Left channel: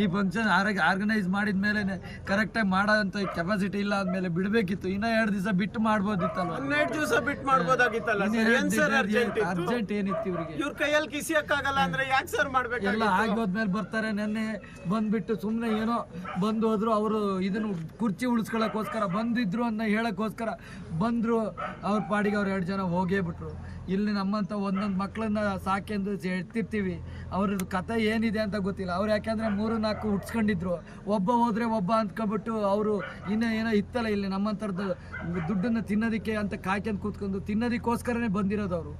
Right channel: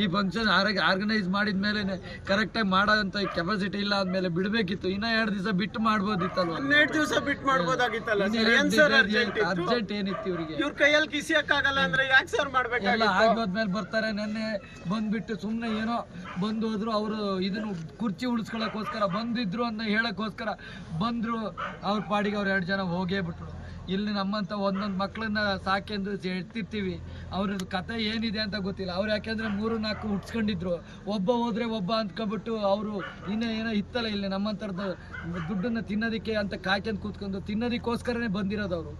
ಈ function organise ಮಾಡಿದ ಮೇಲೆ ಕರೆಕ್ಟಾಗಿ ಮಾಡೋಂಥ ಕೆಪಾಸಿಟಿ ಇಲ್ಲ ಆದ್ಮೇಲೆ ಬಿಡಬೇಕಿತ್ತು. ಇನ್ನೂ 2 ದಿವಸ ಬಿಟ್ಟು ಮಾಡ್ಬೋದಿತ್ತಲ್ವ? 12 ದಿವಸ ಬಿಟ್ಟು ಮಾಡ್ಬೋದಾಗಿತ್ತಲ್ಲ. ಅರ್ಜೆಂಟ್ ಏನಿತ್ತು ಇವ್ರಿಗೆ? ಇವ್ರ ಕೈಯಲ್ಲಿ ಕಿಸಿಯಕ್ಕಾಗಲ್ಲ ಅಂದ್ರೆ ಯಾಕೆ ಸರ್ ಮಾಡ್ಬೇಕು? ಎಲ್ಲ ಆಗೋದ್ಮೇಲೆ ಬರ್ತಾರೆ. ನೆನ್ನೆ ಬಂದ್ಬಿಟ್ಟು ಸುಮ್ಮನೆ ಏನೋ ಬಂದು ಹೋದ್ರು. ಅವರು ಇದನ್ನು ಕುರ್ಚಿ ಉಳಿಸ್ಕೊಳ್ಳೋಕ್ಕೋಸ್ಕರ ಬಂದಿದ್ರು ಅಂತ ಹೇಳೋಕ್ಕೋಸ್ಕರ ಬಂದರು. ಅವ್ರ ಪಾಡಿಗೆ ಅವ್ರು 2 ಜನ ಹೋಗೇ ಬಿಟ್ರು. ಇಲ್ಲಿ ನಮ್ಮಂಥ ಒಂದೊಂದು ಮಕ್ಕಳನ್ನ ಸಾಕೆಂದು ಎತ್ತಿರ್ತೀವಿ. ಅವ್ರದ್ದು ಕತೆ ಏನಿದೆ ಅಂತ ಗೊತ್ತಿಲ್ಲ. ಅವ್ರು ಯಾಕೆಂದರೆ 3-4 ಹುಟ್ಸ್ಕೊಂಡಿದ್ರು. ಒಬ್ಬ ಹೋದರೆ ಒಬ್ಬ ಅಂದ್ಕೊಂಡ್ಬಿಟ್ಟು ಅವರು ಇನ್ನೇ ಏನೋ ಇತ್ತಲ್ಲ ಇಲ್ಲಿ ನಮ್ಮಂಥದ್ದು ದುಡ್ಡನ್ನು ತಿನ್ನೋದಕ್ಕೆ ಅಂತ ಕಾಯ್ಕೊಂಡು ಕೂತ್ಕೊಂಡು ತಿನ್ನೋದಕ್ಕೋಸ್ಕರನೇ ಬಂದಿರೋದು. ಅವರು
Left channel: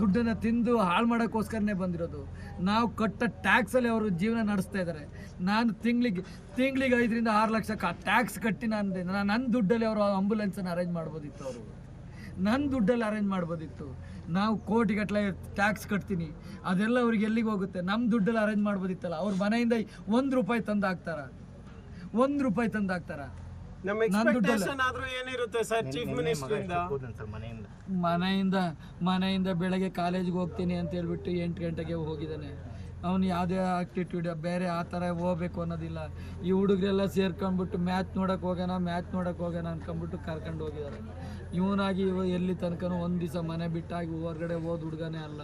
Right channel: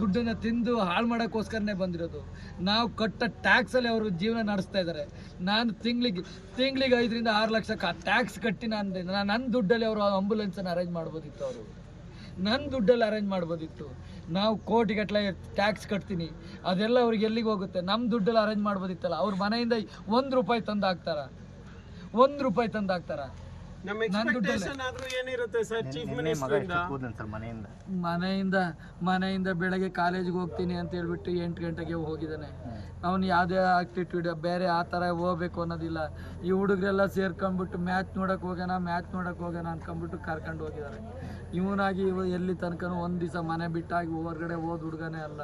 ದುಡ್ಡನ್ನು ತಿಂದು ಹಾಳು ಮಾಡೋಕ್ಕೋಸ್ಕರನೇ ಬಂದಿರೋದು. ನಾವು ಕಟ್ಟ ಟ್ಯಾಕ್ಸಲ್ಲಿ ಅವರು ಜೀವನ ನಡೆಸ್ತಾ ಇದ್ದಾರೆ. ನಾನು ತಿಂಗಳಿಗೆ 5-6 ಲಕ್ಷ ಟ್ಯಾಕ್ಸ್ ಕಟ್ಟಿ ನನ್ನ ದುಡ್ಡಲ್ಲಿ ಅವರು ಆಂಬುಲೆನ್ಸನ್ನು ಅರೇಂಜ್ ಮಾಡ್ಬೋದಿತ್ತು. ಅವರು ನನ್ನ ದುಡ್ಡಲ್ಲಿ ಅರೇಂಜ್ ಮಾಡ್ಬೋದಿತ್ತು. ನಾವು ಕೋಟಿಗಟ್ಟಲೆ ಟ್ಯಾಕ್ಸ್ ಕಟ್ತೀನಿ, ಅದೆಲ್ಲ ಅವ್ರಿಗೆ ಎಲ್ಲಿಗೆ ಹೋಗುತ್ತೆ? ನಮ್ಮ ದುಡ್ಡಲ್ಲಿ ಅರೇಂಜ್ ಮಾಡ್ಬೋದಿತ್ತಲ್ಲ. ಅವ್ರ ಮನೆಯಿಂದ 1 ರೂಪಾಯಿ ತಂದು ಹಾಕ್ತಾರ? 1 ರೂಪಾಯಿ ತಂದು ಹಾಕ್ತಾರ? ನನ್ನ ದುಡ್ಡಲ್ಲಿ ಮನೆಯಿಂದ ಬೆಳಗ್ಗೆ ಕಾಲೇಜಿಗೆ ಹೋಗ್ತೀನಿ ಅಂತ ಹೇಳ್ಬಿಟ್ಟು 8 ಗಂಟೆಗೆ ಹೋಗಿದ್ದಾನೆ. ಅವನು ಯಾವುದೇ ಆಕ್ಟಿವಿಟಿ ಬೇರೆ ಆ ಥರ ಹೋಗ್ಬೇಕು ಅನ್ನೋದಿಲ್ಲ. ಈ ಹುಡುಗರೆಲ್ಲ ಸೇರ್ಕೊಂಡ್ಬಿಟ್ಟು ಮ್ಯಾಚ್ ನೋಡೋಕೆ ಹೋಗೋಣ ಅಂದ್ಕೊಂಡ್ಬಿಟ್ಟು ಕರ್ಕೊಂಡು ಹೋಗಿದ್ದಾರೆ. ಇವನಾಗಿ ಎಲ್ಲಿ ತನಕನೂ 1 ದಿವಸ ಮನೆ ಬಿಟ್ಟಾಗಿ ಹೊರಗಡೆ ಹೋದ ಹುಡುಗನೇ ಅಲ್ಲ.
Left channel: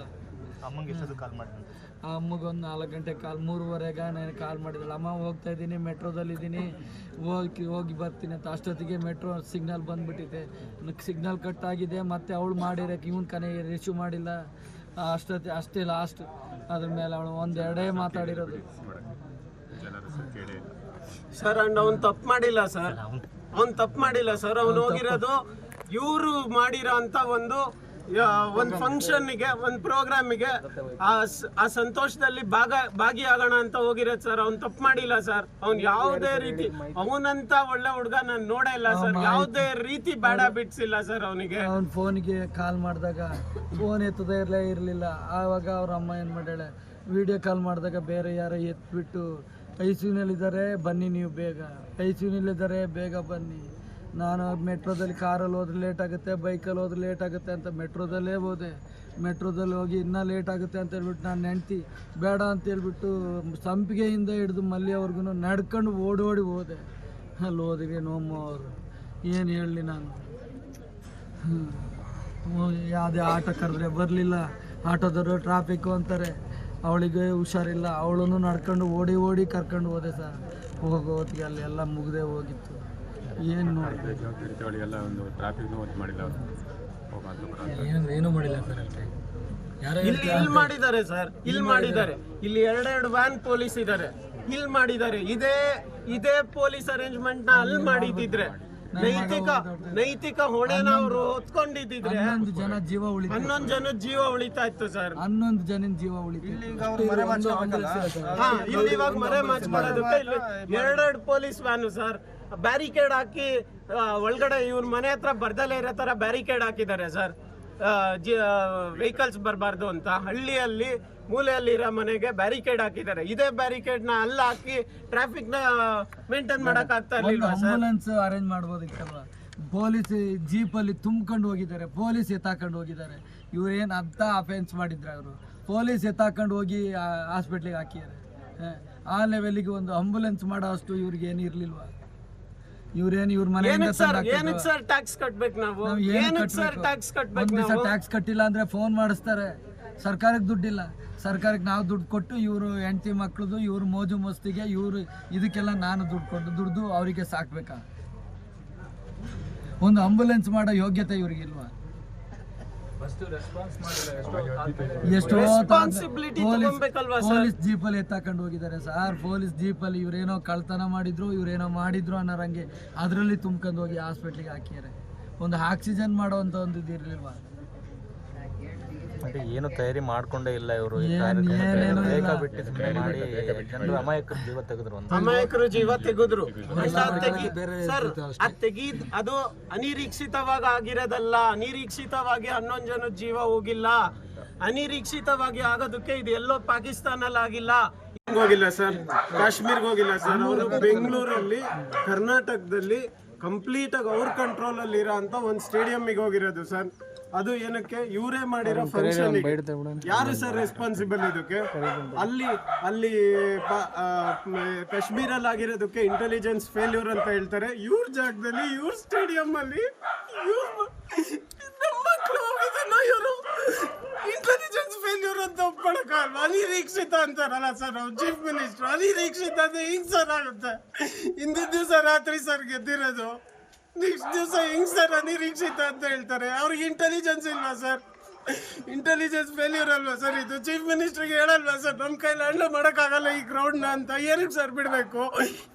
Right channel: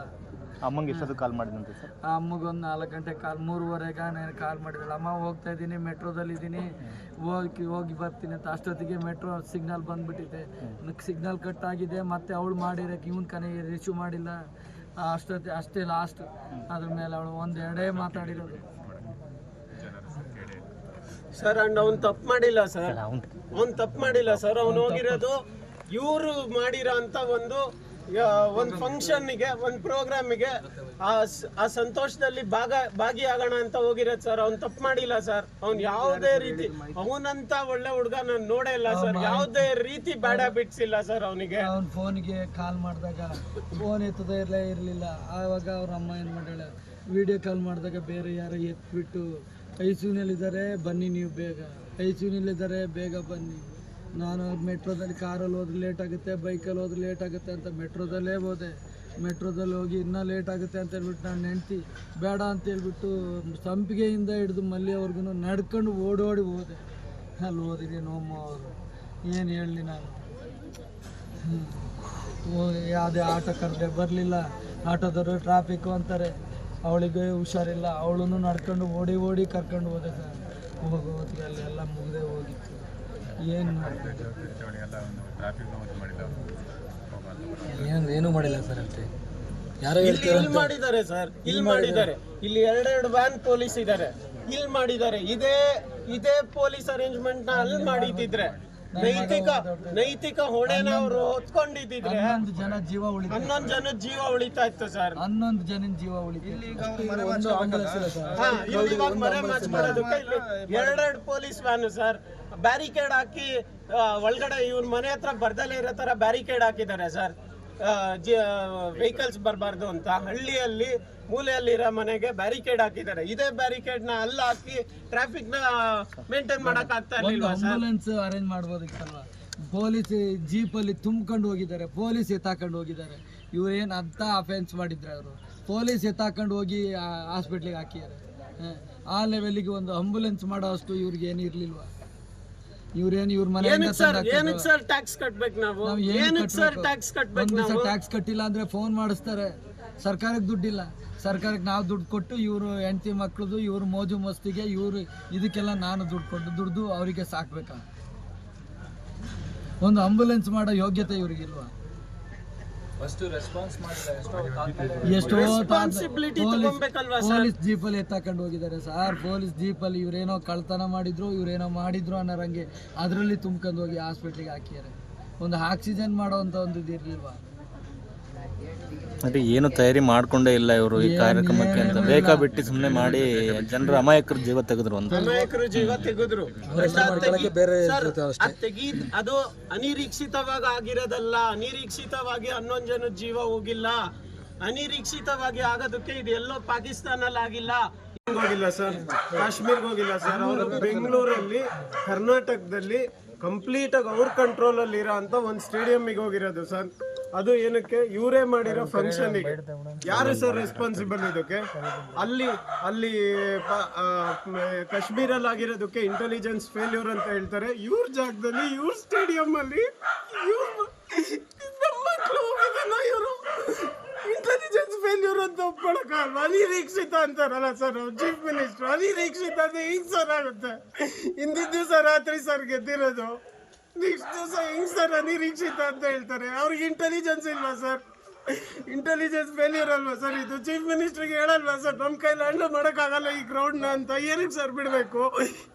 ಅಮ್ಮಂಗೆ ಎಷ್ಟೊತ್ತು ಕಾಲ್ ಮಾಡಿದಂತೆ? ಆ ಅಮ್ಮಗೆ 4 ಗಂಟೆ 3:15 ನಾನು ಕಾಲ್ ಮಾಡಿದ್ದಾಳೆ. ಅಮ್ಮ ಹೋಗ್ತಾ ಇದ್ದೀನಿ, ಮೆಟ್ರೋದಲ್ಲಿದ್ದೀನಿ, ಹೋಗಿ ಬರ್ತೀನಿ ಅಂತ. ಅಷ್ಟೊತ್ತಿಗೆ ಮೆಟ್ರೋ ಸಿಗ್ನಲ್ ಬಂದುಬಿಟ್ಟಿದೆ. ಸಿಗ್ನಲ್ ಕಟ್ ಆಗಿದೆ. ಮತ್ತು ಅವಳು ಮಾಡಿರೋಕೆ ಇವನು ಕನೆಗೆ ರಿಸೀವ್ ಮಾಡಿಲ್ಲ. ಅಷ್ಟೇ ಲಾಸ್ಟ್. ಅದ್ರ ಮೇಲೆ ಅವಳು 1-2 ಮಾತಾಡಿರೋದು. ಸರ್ ಅಂಡ್ ಅವ್ನು ತಪ್ಪು ಮಾಡಿಲ್ಲ ಸರ್. ಅವ್ನು ಹೋಗಿರೋದು ಇವರು ಮಾಡಿರೋ ಅಂತ ಒಂದು ಫಂಕ್ಷನ್ಗೆ, ಒಂದು ಪ್ರೋಗ್ರಾಮಿಗೆ, ಆ ಸಂತೋಷದಲ್ಲಿ ಭಾಗಿಯಾಗೋಣ ಅಂತ ಹೋಗಿರೋದು ಸರ್. ಅವ್ನು ತಪ್ಪು ಮಾಡಿಲ್ಲ ಸರ್. ಅವ್ನು ಯಾವುದೇ ರೀತಿ, ಅವನಂತ ಒಳ್ಳೆ ಹುಡುಗ ನಾನು ನೋಡೇ ಇಲ್ಲ ಸರ್. ಯಾವುದೇ ರೀತಿ ಬ್ಯಾಡ್ ಹ್ಯಾಬಿಟ್ಸ್ ಇಲ್ಲ ಸರ್ ಅವನಿಗೆ. ಅವ್ನ ಫೋನಿಗೆ ಕಾಲ್ ಮಾಡಿದಾಗ ಫೋನ್ ಎತ್ತದೇ ಇರಲಿಲ್ಲ. ಆವಾಗ ಅವ್ರ ಅಮ್ಮ ಏನು ಮಾಡ್ಯಾಳೆ, ವಿಡಿಯೋ ಕಾಲ್ ಮಾಡಿದಾಗ ಬೇರೆ ಯಾರೋ ಎತ್ಬಿಟ್ಟು ಐಸಿಯುನಲ್ಲಿದ್ದಾರೆ, ಬನ್ನಿ ನೀವು ಬೇಗ, ಐಸಿಯುನಲ್ಲಿದ್ದಾರೆ, ಬೇಗ ಬನ್ನಿ. ನಾನು ಮೆಟ್ರೋದಲ್ಲಿ ಕಾರಲ್ಲಿ ಹೋದ್ರೆ ಲೇಟ್ ಆಗುತ್ತೆ, ಬೈಕಲ್ಲಿ ಹೋದ್ರೆ ಲೇಟ್ ಆಗುತ್ತೆ ಅಂತ ಮೆಟ್ರೋದಲ್ಲೇ ಹೋದೆ. ಮೆಟ್ರೋದಲ್ಲಿ ಹೋಗಿ ಇನ್ನೂ ಲೇಟ್ ಆಗುತ್ತೆ ಅಂತ ಹೇಳ್ಬಿಟ್ಟು ನಾನು ಹೆಂಡ್ತಿ ಬೇಡ ಅಂತ ಹೇಳ್ಬಿಟ್ಟು ಸಂಪಿಗೆಯಿಂದ ಹಿಡಿದು ಮಲ್ಲಿಯವರೆಗೂ ನಡ್ಕೊಂಡು ಓಡೋಡಿ ಹೋದೆ. ಅಲ್ಲಿ ಹೋದಿಗೆ ನೋಮ್ಮ ಅವರು ಏನು ಹೇಳಲಿ ನಾನು. ಯಾವುದೇ ಆಟೋ ಕರೆದ್ರೆ ಬರಲಿಲ್ಲ. ಆಟೋದವರು ಟ್ರಾಫಿಕ್ಕು ಅಂತಾರೆ. ಅವಳಿಗೆ ಹುಷಾರಿಲ್ಲ. ಅವಳನ್ನು ನಡ್ಕೊಂಡು ಓಡಿ ಕರ್ಕೊಂಡು ಹೋದೆ ಸರ್. ಹೋಗೋ ಹೊತ್ತಿಗೆ ಅಲ್ಲಿ ಎಲ್ಲ ಮುಗ್ದೇ ಹೋಗಿತ್ತು. ಏನು ಏನೂ ಮಾಡಿಲ್ಲ ಸರ್. ಅಷ್ಟೇ ಇಲ್ಲಿ ಮಾಡಿದ್ದಾರೆ ಸರ್. ಇಲ್ಲಿ 2 ವ್ಯಾನ್ ಪೊಲೀಸ್ ಇದ್ದಾರೆ. ಇಲ್ಲಿ ಮಾಡಿದ್ದಾರೆ. ಇದೇ ಪೊಲೀಸ್ ಅರೇಂಜ್ಮೆಂಟ್ ನ ಅಲ್ಲಿ ಮಾಡಿದ್ರೆ ನೈತಿಕ ಹೊಣೆನ ಅವರು ಹೊತ್ಕೊಂಡಿದ್ರೆ 11 ಜನ ಜೀವ ಉಳಿತಾ ಇತ್ತು ಸರ್. 11 ಜನ ಜೀವ ಉಳಿತು. ಇಲ್ಲಿ ಇವಾಗ ಮರೆ ಮಾಚ್ ಮಾಡೋದಕ್ಕೆ ಇಲ್ಲಿ 2 ಪೊಲೀಸ್ ವ್ಯಾನ್ ಸರ್. ಬ್ಯಾರಿಕೇಡ್ ಹಾಕಿ ಒಳಗಡೆ ಇವ್ರ ಮನೆ ಹತ್ರ ಬರ್ದಲ್ಲೇ ಇರೋ ತರ ಬ್ಯಾರಿಕೇಡ್ ಹಾಕಿದ್ದಾರೆ ಸರ್. ವೆಹಿಕಲ್ಸ್ ಬರಬಾರ್ದು ಅಂತ ಹಳ್ಳಿಯಲ್ಲಿ ಮೂಲೆಯಲ್ಲಿ ಇರೋ ಮನೆಗೆ ಬ್ಯಾರಿಕೇಡ್ ಹಾಕಿದ್ದಾರೆ. ಇದೇ ಬ್ಯಾರಿಕೇಡ್ ನ ಅಲ್ಲಿ ಹಾಕಿ ಟ್ರಾಫಿಕ್ ನ ಮೇಂಟೈನ್ ಮಾಡಕ್ ಆಗ್ತಾ ಇರ್ಲಿಲ್ಲ. ಆಂಬುಲೆನ್ಸ್ ಅರೇಂಜ್ ಮಾಡ್ಬೋದಿತ್ತಲ್ವ? ಪೊಲೀಸ್ ಜೀಪಲ್ಲಿ ತುಂಬ್ಕೊಂಡು ಹೋಗಿದ್ದಾರೆ, ಪೊಲೀಸ್ ಎತ್ತಾಕೊಂಡು ಹೋಗಿದ್ದಾರೆ. ಇವ್ರೇನು ಅಂತ ಅಫೆನ್ಸ್ ಮಾಡಿದ್ರೆ ಅವರು ಪೊಲೀಸ್ ಎತ್ತಾಕೊಂಡು ಹೋಗಿ ಹಾಸ್ಪಿಟ್ಲಿಗೆ ಹಾಕಿದ್ದಾರೆ. ಆ ಲೆವೆಲ್ಗೆ ಒಂದು ಆಂಬುಲೆನ್ಸ್ ಮಾಡೋ ಅಷ್ಟು ಇವ್ರಿಗೆ ಏನು ಇರ್ಲಿಲ್ವಾ? ಇವ್ರ ಮನೆಯಿಂದ ಟ್ಯಾಕ್ಸ್ ಕಟ್ಬೇಕು. ನಾವು ಟ್ಯಾಕ್ಸ್ ಕಟ್ಟಿಲ್ಲ ಅಂದ್ರೆ ಫೋನ್ ಮಾಡಿಸ್ತಾರೆ. ಸರ್ಕಾರಕ್ಕೆ ದುಡ್ಡಿಲ್ಲ. ಸರ್ಕಾರಕ್ಕೆ ನಾವು ದುಡ್ಡು ಕೊಟ್ಟು ಇವರು ಹೆಂಡತಿ ಮಕ್ಳದು ಇವ್ರ ಮೋಜು ಮಸ್ತಿಗೆ ಇವರು ಇದಕ್ಕೆಲ್ಲ ನಾನು ದುಡ್ಡು ಅವರಿಗೆ ಸಾಕ್ಬೇಕಾ? ಒಂದು ಆಂಬುಲೆನ್ಸ್ ಮಾಡೋ ಯೋಗ್ಯತೆ ಇವ್ರಿಗಿಲ್ವಾ? ಪೊಲೀಸ್ ಜೀಪಲ್ಲಿ ಎತ್ತಾಕೊಂಡು ಹೋಗಿದ್ದಾರೆ ಸರ್. ಪೊಲೀಸ್ ಜೀಪಲ್ಲಿ ಇವ್ರೇನೋ ಕಳ್ತನ ಮಾಡಿದ್ರು ಅನ್ನೋರಂಗೆ ಅದರಲ್ಲಿ ತುಂಬ್ಕೊಂಡು ಹೋಗಿ ಹಾಸ್ಪಿಟ್ಲಿಗೆ ಹಾಕಿದ್ದಾರೆ. ಒಂದು ಆಕ್ಸಿಜನ್ ಮಾಡೋವಂಥ ಒಂದು ಇದಿರ್ಲಿಲ್ವಾ? ಅಂದ್ರೆ ಏನು ತಯಾರಿ ಮಾಡ್ಕೊಂಡೇ ಇಲ್ಲ ಇವರು. ಈ ಕಾರ್ಯಕ್ರಮಕ್ಕೆ ಬೇಕಾ ಬಿಟ್ಟು ಸುಮ್ಮನೆ ಮಾಡಿ ಜನರ ಅಮಾಯಕರ ಜೀವ ತೆಗೆದ್ರು. ಅದು ಅನಿರೀಕ್ಷಿತವಾಗಿ ಆಗಿರೋದಲ್ಲ. ಅನಿರೀಕ್ಷಿತವಾಗಿ 11 ಜನ ಜೀವ ಹೋಗಿಲ್ಲ. ಅನಿರೀಕ್ಷಿತವಾಗಿ ಆಗೋದಕ್ಕೆ ಇದು ಎಲ್ಲೋ ಪಾಕಿಸ್ತಾನಲ್ಲಿ ಆಗಿಲ್ಲ, ಹೋಗಿಲ್ಲ ಸರ್, ಕಾಶ್ಮೀರ್ಗೆ ಹೋಗಿಲ್ಲ ಸರ್. ಅವರು ಬೆಂಗಳೂರಲ್ಲಿ ಕರ್ನಾಟಕದಲ್ಲಿ ಕಂಪ್ಲೀಟ್ ಆಗಿ ಅವ್ರ ಕಂಟ್ರೋಲ್ ಅಲ್ಲಿ ಇರೋ ಅಂತ ಒಂದು ಸ್ಟೇಡಿಯಂಗೆ ಹೋಗಿರೋದು ಸರ್. ಅದು ಏನಕ್ಕೆ ಇವರೇ ಮಾಡಿರೋ ಫಂಕ್ಷನ್ಗೆ ಯಾರು ಸರ್ ರೆಸ್ಪಾನ್ಸಿಬಲ್ ಇದಕ್ಕೆ? ಅಲ್ಲಿ ಕಾಶ್ಮೀರಲ್ಲಿ ಆಗಿರೋದಕ್ಕೆ ಇಂಟೆಲಿಜೆನ್ಸ್ ಫೇಲ್ಯೂರ್ ಅಂತ ಹೇಳ್ತಾರೆ. ಇವ್ರ ಜಾಗದಲ್ಲಿ ಇವ್ರ ಸ್ಟೇಡಿಯಂ ಅಲ್ಲಿ ನಮ್ಮ ಮಕ್ಕಳು ಹೋಗಿದ್ದಲ್ಲ, ಇವರು ಇಂಟೆಲಿಜೆನ್ಸ್ ಫೇಲ್ಯೂರ್ ಅಂತ ಒಪ್ಕೊಳಕ್ಕಾಗಲ್ವಾ? ಅನಿರೀಕ್ಷಿತ ಅಂತಾರಲ್ಲ ಸರ್ ನಾವು ಚೀಫ್ ಮಿನಿಸ್ಟರ್, ಅನಿರೀಕ್ಷಿತ ಅಂದ್ರೆ ಹಿಂಗ್ ಸರ್ ಆಗುತ್ತೆ. ಹಿಂದಿನ ದಿವಸ ರಾತ್ರಿ ಸರ್ ಗೆದ್ದಿರೋದು, ನೆಕ್ಸ್ಟ್ ದಿವಸ ಹಿಂಗ್ ಸರ್ ಅನಿರೀಕ್ಷಿತ ಅಂತ ಹೇಳ್ತಾರೆ. ಅವ್ರಿಗೆ ಇಂಟೆಲಿಜೆನ್ಸ್ ಇಲ್ವಾ ಸರ್? ಇಂಟೆಲಿಜೆನ್ಸ್ ಫೇಲ್ಯೂರ್ ಅಲ್ವಾ ಸರ್ ಇದು? ಚೀಫ್ ಮಿನಿಸ್ಟರ್ಗೆ ಹೇಳಲ್ವಾ ಸರ್ ನಮ್ಮ ಕೈಲಿ ಹ್ಯಾಂಡಲ್ ಮಾಡೋಕ್ಕಾಗಲ್ಲ ಈ ಗ್ರೌಂಡ್ನ ಅಂತ? ಏನಕ್ಕೆ ಸರ್ ಬಿಡಬೇಕು?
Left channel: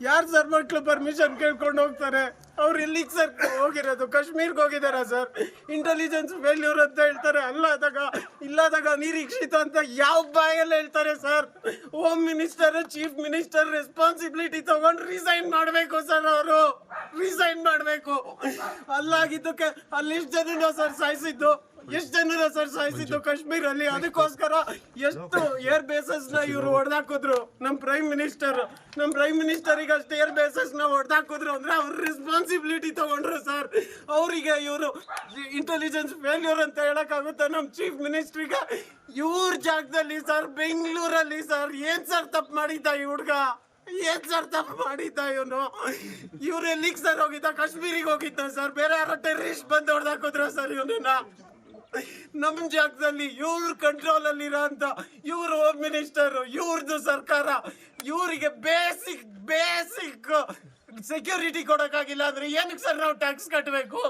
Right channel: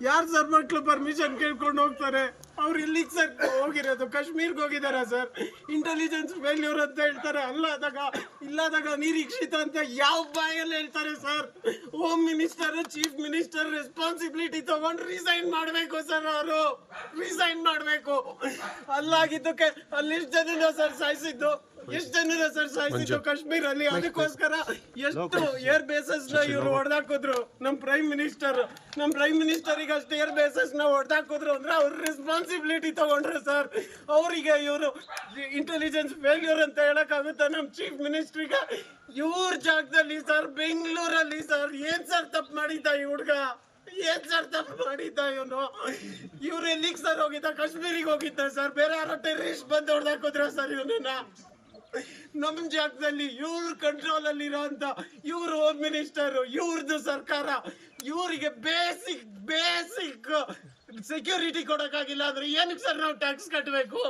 ಯಾರು ಸರ್ ಮಕ್ಕಳು ಪರ್ಮಿಷನ್ ಕೇಳ್ಕೊಂಡು ಹೋಗ್ತಾರೆ? ಅವ್ರು ಎಲ್ಲಿಗೆ ಸರ್ ಹೋಗಿರೋದು? ಕಾಶ್ಮೀರ್ಗೆ ಹೋಗಿದಾರ ಸರ್? ಇಂಟೆಲಿಜೆನ್ಸ್ ಫೇಲ್ಯೂರ್ ಅಂತ ಹೇಳ್ತಾರೆ. ಇಲ್ಲದಾಗ ನಿರೀಕ್ಷಿತ ಅಂತ ಯಾವ ಬಾಯಲ್ಲಿ ಹೇಳ್ತಾರೆ sir? Home minister, chief minister responsibility ತಗೊಂಡು ರಿಸೈನ್ ಮಾಡಬೇಕು ಸರ್. ಅವರು ರಿಸೈನ್ ಮಾಡಬೇಕು. ಅಲ್ಲಾಗಿದ್ದಕ್ಕೆ ಅಲ್ಲಿ ಎಷ್ಟು ಜನ ಸರ್ ಸಾಯಿಸಿದ್ದು? ಎಷ್ಟು ಜನರ ಸರ್ ಸಾಯಿಸಿದ್ದು ಕಾಶ್ಮೀರಲ್ಲಿ? ಅದಕ್ಕೋಸ್ಕರ ಎಷ್ಟು ಏರ್ ಬೇಸಸ್ ನ ಇವ್ರು ಹೊಡೆದಾಕಿದ್ರು. ನಮ್ಮ ಪ್ರೈಮ್ ಮಿನಿಸ್ಟರಿಗೆ ಅಷ್ಟು ಏರ್ ಬೇಸಸ್ ನ ಹೊಡೆದಾಕಿದ್ರು ಅಂದ್ರೆ ಅವ್ರ ರೆಸ್ಪಾನ್ಸಿಬಿಲಿಟಿ ತಗೊಂಡ್ರು ಸರ್. ಅವರಿಗೆ ಇವರು ಇಂಟೆಲಿಜೆನ್ಸ್ ಫೇಲ್ಯೂರ್ ಅಂತ ಹೇಳಕ್ಕಾಗುತ್ತಾ ನಮ್ಮ ಚೀಫ್ ಮಿನಿಸ್ಟ್ರಿಗೆ? ಇವ್ರ ಜಾಗದಲ್ಲಿ ಸರ್ ಬೆಂಗಳೂರಲ್ಲಿ ಸರ್ ಏನ್ ಸರ್ ತಪ್ಪು ಮಾಡಿದ್ದ ಈ ಹುಡ್ಗ? ಏನ್ ಸರ್ ತಪ್ಪು ಮಾಡಿದ್ದ ಇವನು? ಇವ್ರು ಎಲ್ಲಿಗೆ ಸರ್ ಹೋಗಿದ್ದ? ಕಾಶ್ಮೀರಿಗೆ ಹೋಗಿದ್ದ ಸರ್? ಬೇರೆ ಯಾರೋ ಟೆರರಿಸ್ಟ್ ಬಂದು ಹೊಡೆದಾಕಿದ್ರ ಸರ್ ಇವನನ್ನ? ನಮ್ಮ ಜಾಗದಲ್ಲಿ ಇವ್ರ ಕಂಟ್ರೋಲ್ ಅಲ್ಲಿ ಇರೋಂತ ಇವ್ರ ಹೋಮ್ ಮಿನಿಸ್ಟರ್, ಇವ್ರದ್ದು ಸರ್ಕಾರ ಇವರಿಗೆ ಬೇಸಿಕ್ ಸೆಕ್ಯೂರಿಟಿ ಕೊಡಕ್ಕಾಗಿಲ್ಲ ಅಂದ್ರೆ ಏನಕ್ಕೆ ಸರ್ ನಾವು ಟ್ಯಾಕ್ಸ್ ಕಟ್ಟಬೇಕು?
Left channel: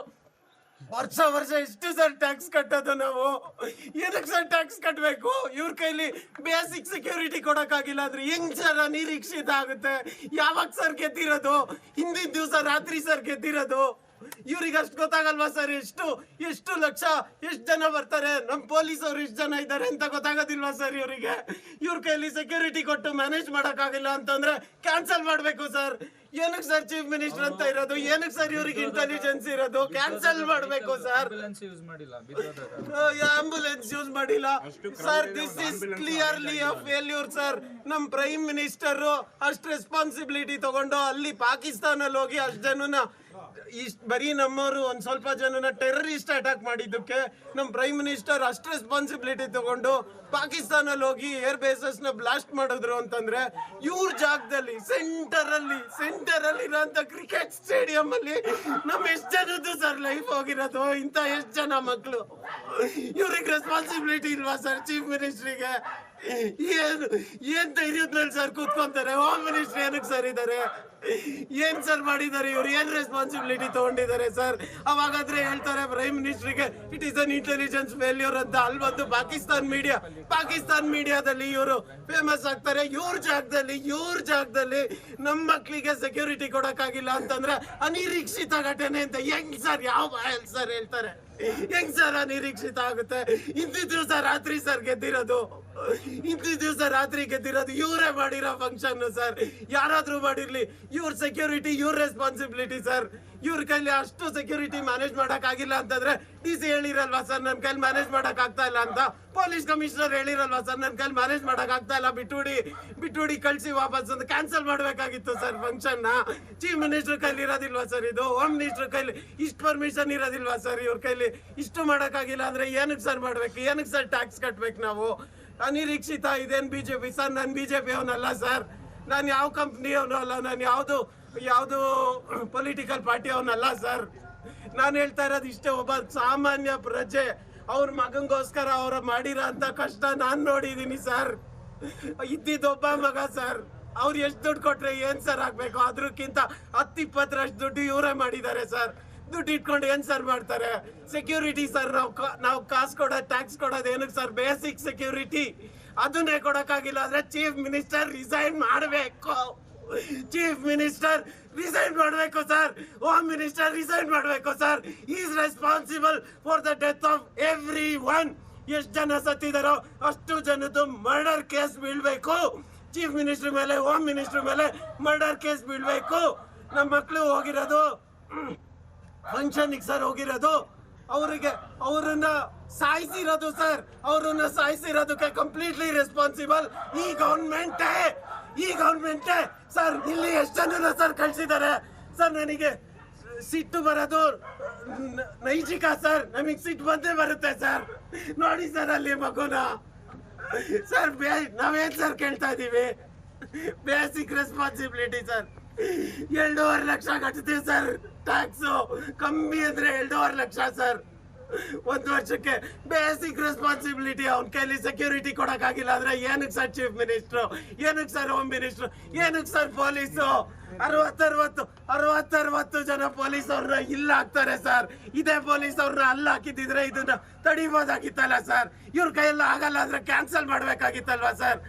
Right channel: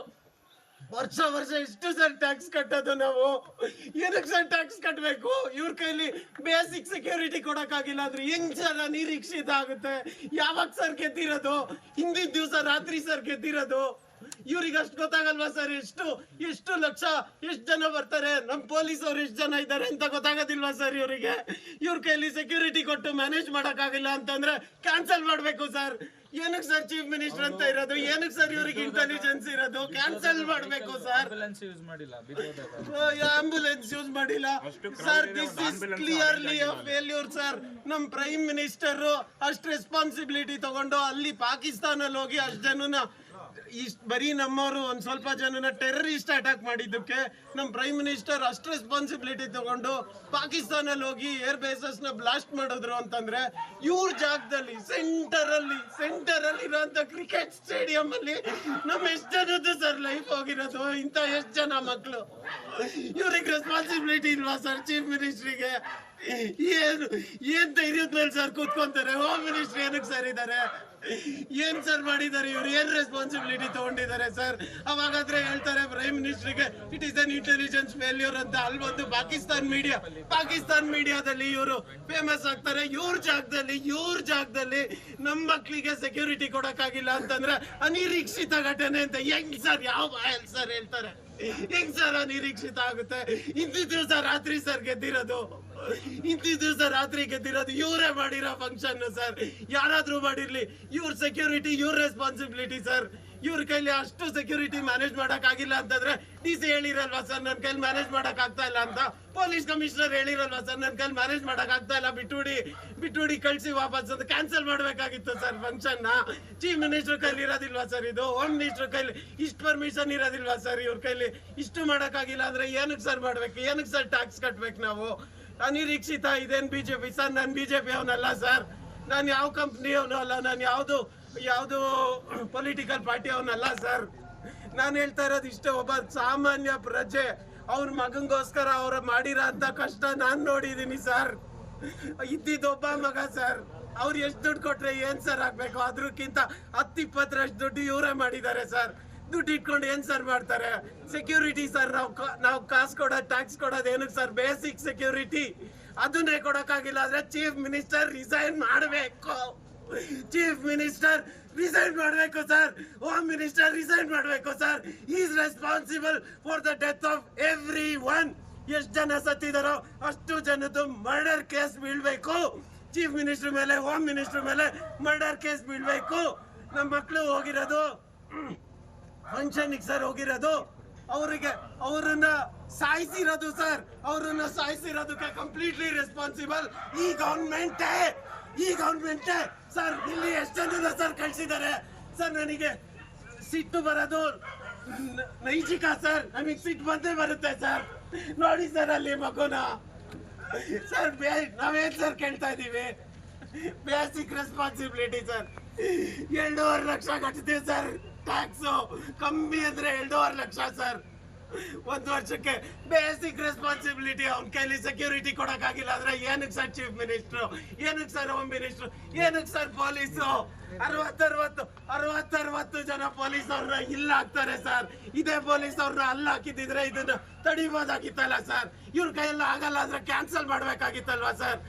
ವರ್ಷ ಎಷ್ಟು ಸರ್ ಟ್ಯಾಕ್ಸ್ ಕಟ್ಟೋದು ನಾವು? ಏನಕ್ಕೆ ಸರ್ ಟ್ಯಾಕ್ಸ್ ಕಟ್ಟಬೇಕು? ಇವ್ರ ಕೈಲಿ ಬೇಸಿಕ್ ಸೆಕ್ಯೂರಿಟಿ ಕೊಡಕ್ಕಾಗಿಲ್ಲ ಅಂದ್ರೆ ಹೆಂಗ್ ಸರ್ ಅನಿರೀಕ್ಷಿತ ಆಗುತ್ತೆ? ಯಾವಾಗ ಸರ್ ಗೆದ್ದಿರೋದು? ಹಿಂದಿನ ದಿವಸ ರಾತ್ರಿ ಸರ್ ಗೆದ್ದಿರೋದು. ಇವ್ರಿಗೆ ಅಷ್ಟು ಗೊತ್ತಾಗಲ್ವಾ ಸರ್? ಎಷ್ಟು ಲಕ್ಷ ಎಷ್ಟು ಜನ ಬರ್ತಾರೆ, ನಮ್ಮ ಪೊಲೀಸ್ ಅವ್ರು ಎಷ್ಟು ಜನ ಇದ್ದಾರೆ ಅಂತ ಗೊತ್ತಾಗೋದಿಲ್ವಾ ಸರ್ ಇವರಿಗೆ? ಇವ್ರ ಕೈಲಿ ಸೆಕ್ಯೂರಿಟಿ ಕೊಟ್ಟು ಮ್ಯಾನೇಜ್ ಮಾಡೋಕ್ಕಾಗಿಲ್ಲ ಅಂತಂದ್ರೆ ಕ್ಯಾನ್ಸಲ್ ಮಾಡಬೇಕು ಸರ್. ಏನಕ್ಕೆ ಸರ್ ಚೀಫ್ ಮಿನಿಸ್ಟರ್ ಅಂತ ಇರೋದು? ಏನಕ್ಕೆ ಸರ್ ಇವ್ರಿಗೆ ಇಂಟೆಲಿಜೆನ್ಸ್ ಇರೋದು? ಕ್ಯಾನ್ಸಲ್ ಮಾಡಬೇಕು ಸರ್. ಆಂಬುಲೆನ್ಸ್ ಯೂಸ್ ಮಾಡಿಲ್ಲ sir. This is clearly a failure sir. ನಮ್ಮ ಪ್ರೈಮ್ ಮಿನಿಸ್ಟರ್ ಅಷ್ಟು ರೆಸ್ಪಾನ್ಸಿಬಿಲಿಟಿ ತಗೊಂಡು ಅಲ್ಲಿ ಪಾಕಿಸ್ತಾನಲ್ಲಿ ಹೋಗಿ ಅಷ್ಟು ಜನನ ಬರೀ ನಮ್ಮವರು ಒಂದ್ ಸ್ವಲ್ಪ ಜನನ ಟೆರರಿಸ್ಟ್ ಅಟ್ಯಾಕ್ ಮಾಡಿದ್ದಕ್ಕೆ ನಮ್ಮ ಪ್ರೈಮ್ ಮಿನಿಸ್ಟರ್ ಅಷ್ಟು ರೆಸ್ಪಾನ್ಸಿಬಿಲಿಟಿ ತಗೊಂಡು ಪಾಕಿಸ್ತಾನಲ್ಲಿ ಹೋಗಿ ಏರ್ ಬೇಸಸ್ ನ ಬ್ಲಾಸ್ಟ್ ಮಾಡಿದ್ರು ಅಂತಂದ್ರೆ ಇವ್ರ ಜಾಗದಲ್ಲಿ ಸೆಂಟರ್ ಅಲ್ಲಿ ಇರೋಂತ ಕ್ರಿಕೆಟ್ ಸ್ಟೇಡಿಯಂ ಅಲ್ಲಿ ನಮ್ಮ ಎಷ್ಟು ಜನದ್ದು ಸರ್ ಲೈಫ್ ಹೋಗಿರೋದು? ಇಂತ ಎಷ್ಟು ಜನ ಮಕ್ಕಳು? ಇವ್ರಿಗೆ ರೆಸ್ಪಾನ್ಸಿಬಿಲಿಟಿ ಇಲ್ವಾ ಸರ್ ಚೀಫ್ ಮಿನಿಸ್ಟ್ರಿಗೆ? ಏನ್ ಧೈರ್ಯದ ಮೇಲೆ ಸರ್ ಕೂತ್ಕೊಂತಾರೆ? ಹೋಮ್ ಮಿನಿಸ್ಟರ್ ಏನಕ್ಕೆ ಸರ್ ಇದ್ದಾರೆ? ಏನ್ ಸರ್ ಮಾಡಿದ್ದಾರೆ ಇವ್ರು? ಏನ್ ರೆಸ್ಪಾನ್ಸಿಬಿಲಿಟಿ ತಗೊಂಡಿದ್ದಾರೆ ಸರ್? ಅವಾಗಾದ್ರೆ ಹೇಳ್ತಾರೆ ಪ್ರೈಮ್ ಮಿನಿಸ್ಟರ್ಗೆ it is an intelligence failure ಅಂತ. ಅಲ್ಲಿ ಬಂದು ಪಾಕಿಸ್ತಾನ್ ಮೀಡಿಯಾದಲ್ಲಿ ಇವರು ಫೇಮಸ್ ಆಗ್ತಾರೆ. ಇವ್ರ ಜಾಗದಲ್ಲಿ ನಮ್ಮ ಮಕ್ಕಳಿಗೆ ಸೆಕ್ಯೂರಿಟಿ ಕೊಡಕ್ಕಾಗಿಲ್ಲ ಅಂತಂದ್ರೆ ಅನಿರೀಕ್ಷಿತ ಘಟನೆ ಅಂತ ಹೆಂಗ್ ಸರ್? ಯಾವ ಬಾಯಲ್ಲಿ ಸರ್ ಹೇಳ್ತಾರೆ? ಹೆಂಗ್ ಸರ್ ಅನಿರೀಕ್ಷಿತ ಆಗುತ್ತೆ? ಇಂದಿನ ದಿವಸ ರಾತ್ರಿ ಸರ್ ಗೆದ್ದಿರೋದು. ಇವರೇ ಮಾಡಿರೋ ಫಂಕ್ಷನ್ ಸರ್. ಯಾರಾದ್ರೂ ಮಾಡಿರ್ಲಿ, ಇವ್ರ ಸೆಕ್ಯೂರಿಟಿ ಇವ್ರ ರೆಸ್ಪಾನ್ಸಿಬಿಲಿಟಿ ಸರ್. ಇವ್ರ ಕೈಲಿ ಅಷ್ಟು ಸೆಕ್ಯೂರಿಟಿ ಮ್ಯಾನೇಜ್ ಮಾಡಕ್ ಆಗಿಲ್ಲ ಅಂತಂದ್ರೆ DC ಹೇಳಿರಲ್ವಾ ಸರ್ ನನ್ನ ಕೈಲಿ ಮ್ಯಾನೇಜ್ ಮಾಡಕ್ ಆಗ್ತಾ ಇಲ್ಲ ಅಂತ? ಪೊಲೀಸ್ ಕಮಿಷನರ್ ಹೇಳಿರಲ್ವಾ ಸರ್ ನನ್ನ ಕೈಲಿ ಮ್ಯಾನೇಜ್ ಮಾಡಕ್ ಆಗ್ತಾ ಇಲ್ಲ, ಬಿಟ್ಟುಡಿ ಕಳ್ಸಿ ವಾಪಸ್ ಅಂತ ಕ್ಯಾನ್ಸಲ್ ಮಾಡ್ಬೇಕಾಗಿತ್ತು ಸರ್ ಫಂಕ್ಷನ್ ನ. ಚೀಫ್ ಮಿನಿಸ್ಟರ್ ಕೈಲಿ ಇರೋದಿಲ್ವಾ ಸರ್ ಇದು? ಹೋಮ್ ಮಿನಿಸ್ಟರ್ ಕೈಲಿ ಇಷ್ಟು ಪರ್ಮಿಷನ್ ಇರೋದಿಲ್ವಾ ಸರ್? ಇವ್ರ ಕೈಲಿ ಇಷ್ಟು ಮಾಡಕ್ ಆಗಿಲ್ಲ ಅಂದ್ರೆ ಏನಕ್ಕೆ ಸರ್ ಮಾಡ್ಬೇಕು? ಏನಕ್ಕೆ ಸರ್ ಟ್ಯಾಕ್ಸ್ ಕಟ್ಬೇಕು ನಾವು? ಅನಿರೀಕ್ಷಿತ ಇದೇನು ಬಿಜೆಪಿ ಸರ್? ನಾನು ಬಿಜೆಪಿ ಅವನಲ್ಲ ಸರ್. ನಾನು ಯಾವ ಕಂಪ್ನಿ ಅವನು ಅಲ್ಲ. ನಾನು ಯಾವುದು ಪೊಲಿಟಿಕಲ್ ಪಾರ್ಟಿ ಅವನಲ್ಲ ಸರ್. ನಾನು ಹೇಳ್ತಾ ಇರೋದು ಇಷ್ಟೇ, ಒಬ್ಬ ಸಾಮಾನ್ಯ ಪ್ರಜೆ ಅವ್ರ ಮಗಂಗೋಸ್ಕರ ಅವ್ರ ಮಾಡಿರೋ ಅಂತ ಕಷ್ಟ ನಾನು ನೋಡಿದೀನಿ ಸರ್. ಇದ್ದಿದ್ದೊಬ್ಬ ಮಗ ಸರ್. ಅವ್ರು ಎಷ್ಟು ದುಡ್ಡು ಕೊಟ್ರೆ ಏನ್ ಸರ್ ಆಗ್ಬೇಕು? ಅದ್ರಕ್ಕಿಂತ 10-20 ದುಡ್ಡು ಇವರೇ ಮಾಡಿದ್ದಾರೆ ಸರ್. ದುಡ್ಡು ಇಟ್ಕೊಂಡು ಏನ್ ಸರ್ ಮಾಡ್ತಾರೆ? ಸೆಕ್ಯೂರಿಟಿ ಸರ್ ನಾವು ಕಾಸು ಕೊಡೋದು, ಟ್ಯಾಕ್ಸ್ ಕೊಡೋದು ಏನಕ್ಕೆ ಸರ್? ಬೇಸಿಕ್ ಸೆಕ್ಯೂರಿಟಿ ಅದನ್ನೇ ಕೊಡಕ್ಕಾಗಿಲ್ಲ ಅಂದ್ರೆ ಚೀಫ್ ಮಿನಿಸ್ಟರ್ ರಿಸೈನ್ ಮಾಡಬೇಕು. ಸರ್. ಹೋಮ್ ಮಿನಿಸ್ಟರ್ ರಿಸೈನ್ ಮಾಡಬೇಕು sir. Is responsible for the death of every one. ಎಷ್ಟು ಜನ ಸತ್ತಿದಾರೋ ಅಷ್ಟು ಜನದ್ದು ಮರ್ಡರ್ ಕೇಸ್ ಬೀಳ್ಬೇಕು. ಚೀಫ್ ಮಿನಿಸ್ಟರ್ ಮೇಲೆ, ಹೋಮ್ ಮಿನಿಸ್ಟರ್ ಮೇಲೆ ಮರ್ಡರ್ ಕೇಸ್ ಬೀಳ್ಬೇಕು. ನಮ್ಮ ಮಕ್ಕಳು ಹೋಗಿರೋದು ಫಂಕ್ಷನ್ಗೆ ಸರ್ ಹೋಗಿರೋದು. ಅವ್ರನ್ನ ಸಾಯಿಸಿರೋದು ಸರ್. ಅವ್ರನ್ನ ಸಾಯಿಸಿರೋದಕ್ಕೆ ಕಂಪ್ಲೀಟ್ಲಿ ರೆಸ್ಪಾನ್ಸಿಬಲ್ ಈ ಗೌರ್ಮೆಂಟೇ ಸರ್. ಇಲ್ಲಿ ಎಷ್ಟು ಜನ ಸರ್ ಕಳ್ಸಿದ್ದಾರೆ ಸರ್? ನನಗೆ ಸಿಟ್ಟು ಬರೋದು ನೈಜಿಕ ಸರ್. ನಮಗೆ ಸಿಟ್ಟು ಬಂದೇ ಬರುತ್ತೆ ಸರ್. ನೋಡಿ ಸರ್ ಅಲ್ಲಿ ಮಗುನ ಸರ್. ನಾವೇನ್ ಸರ್ ಕೇಳ್ತಾ ಇದೀವಿ? Basic responsibility sir. 2.5 ಲಕ್ಷ ಕಟ್ತೀವಿ ಸರ್ ಟ್ಯಾಕ್ಸು. ಕಮ್ಮಿ ಅಂದ್ರೆ 2.5 ಲಕ್ಷ ಸರ್ 1 ವರ್ಷಕ್ಕೆ. Basic responsibility. ಅವ್ನ ಕೈಲಿ ಸೆಕ್ಯೂರಿಟಿ ಕೊಡಕ್ಕಾಗಿಲ್ಲ ಅಂದ್ರೆ ಏನಕ್ಕೆ ಸರ್ ಚೀಫ್ ಮಿನಿಸ್ಟ್ರು, ಏನಕ್ಕೆ ಸರ್ ಹೋಮ್ ಮಿನಿಸ್ಟ್ರು, ಏನಕ್ಕೆ ಸರ್ ಪೊಲೀಸು? 60 ಜನ ಪೊಲೀಸ್ ಅವ್ರನ್ನ ಇಲ್ಲ ಹಾಕ್ತಾರೆ ಸರ್. ಇದೇ ಪೊಲೀಸ್ ಅವ್ರನ್ನ ಅಲ್ಲ ಹಾಕಿದ್ರೆ ಇದನ್ನ ತಡಿಬೋದಾಗಿತ್ತಲ್ಲ ಸರ್. ಇವ್ರ ಕೈಯೆಲ್ಲ ಆಗಲ್ಲ ಅಂದ್ರೆ ಕ್ಯಾನ್ಸಲ್ ಮಾಡ್ಬೇಕಾಗಿತ್ತಲ್ವಾ ಸರ್?